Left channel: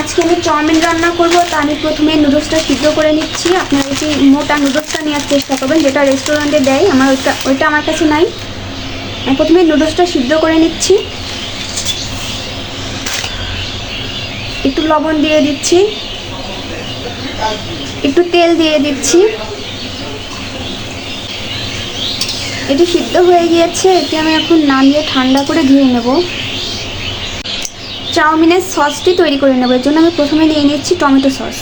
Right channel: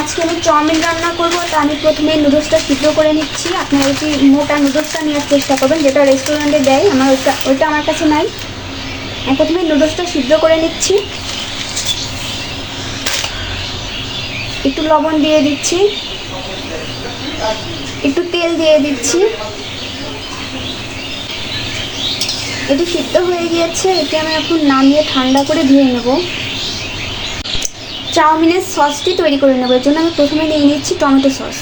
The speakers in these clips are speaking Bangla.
আজকে আমি চাউমিন রান্না করব। তো আমি প্রথমে নুডলসটা সিদ্ধ করে নিচ্ছি। আপনারা যদি মোটা নুডলসটা নেওয়ার চেষ্টা করবেন, যেটা রেস্টুরেন্টে দেয়। ওইটা আমার কাছে নাই। আমি প্রথমে নুডলসটা সিদ্ধ করে নিচ্ছি। একটু লবণ দিয়ে দিচ্ছি, একটু তেল দিয়ে দিচ্ছি। এটি সিদ্ধ হয়ে গিয়েছে। এটি আমি এখন নামিয়ে ঠান্ডা করে ধুয়ে নেব। চাউমিনের সসটি তৈরি করে নেব। এর জন্য আমি প্রথমে নিয়ে নিচ্ছি টমেটো সস।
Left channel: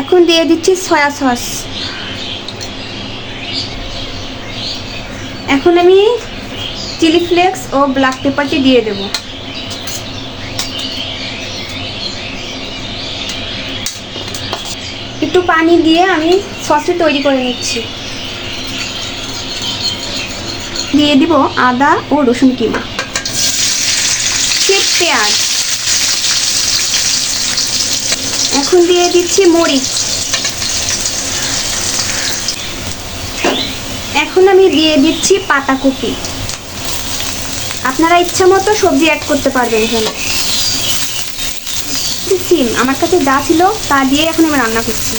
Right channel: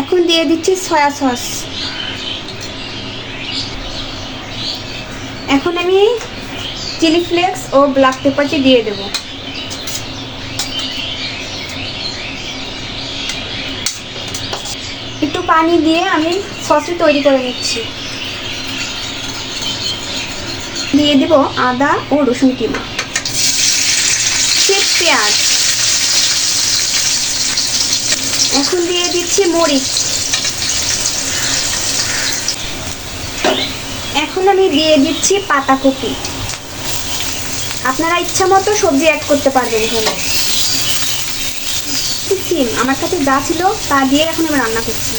এখন দিয়ে দিচ্ছি সয়া সস। এখন আমি চিলি ফ্লেক্স ও ব্ল্যাক পেপারটি দিয়ে দেব। একটু পানি দিয়ে আমি সসটি তৈরি করে নিচ্ছি। দিয়ে দিব আদা ও রসুন কিমা, পেঁয়াজ। এখন দিয়ে দিচ্ছি মরিচ। এখন আমি দিয়ে দিচ্ছি পাতাকপি। আপনারা ইচ্ছা মতো সবজি অ্যাড করতে পারবেন এখানে। সিম আমার কাছে যা ছিল তা দিয়ে এখন আমি রান্না করছি।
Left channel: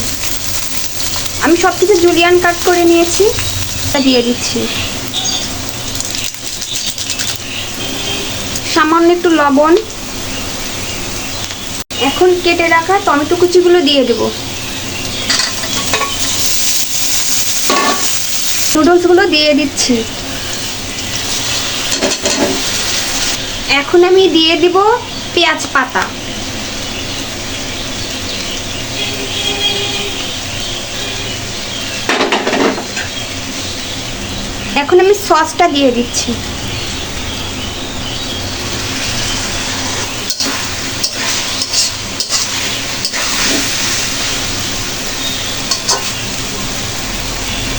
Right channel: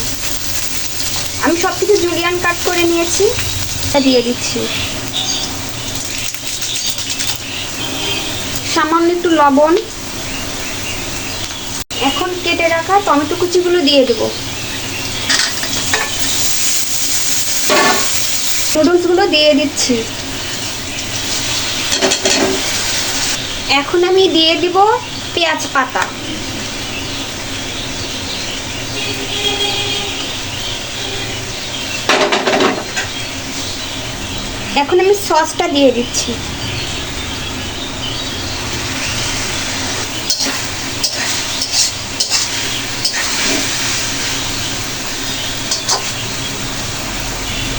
আমি সব কিছু জুলিয়ান কাট করে নিয়েছি, তা দিয়ে দিচ্ছি। সামান্য একটু লবণ। এখন কেটে রাখা টমেটো কুচিগুলো দিয়ে দেব। নুডলসগুলো দিয়ে দিচ্ছি। এখন আমি দিয়ে দিব পেঁয়াজ পাতা। এখন আমি সসটা দিয়ে দিচ্ছি।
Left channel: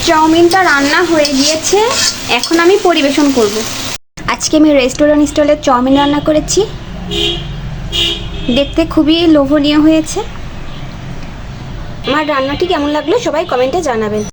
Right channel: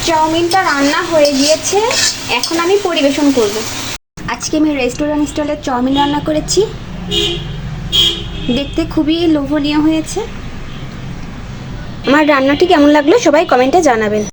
চাউমিনটা রান্না হয়ে গিয়েছে। এখন আমি পরিবেশন করব। আজকে আমি রেস্টুরেন্ট স্টাইলের চাউমিন রান্না করেছি। দেখতে খুবই লোভনীয় হয়েছে। আমার রান্নাটি কেমন লাগলো সবাই কমেন্টে জানাবেন।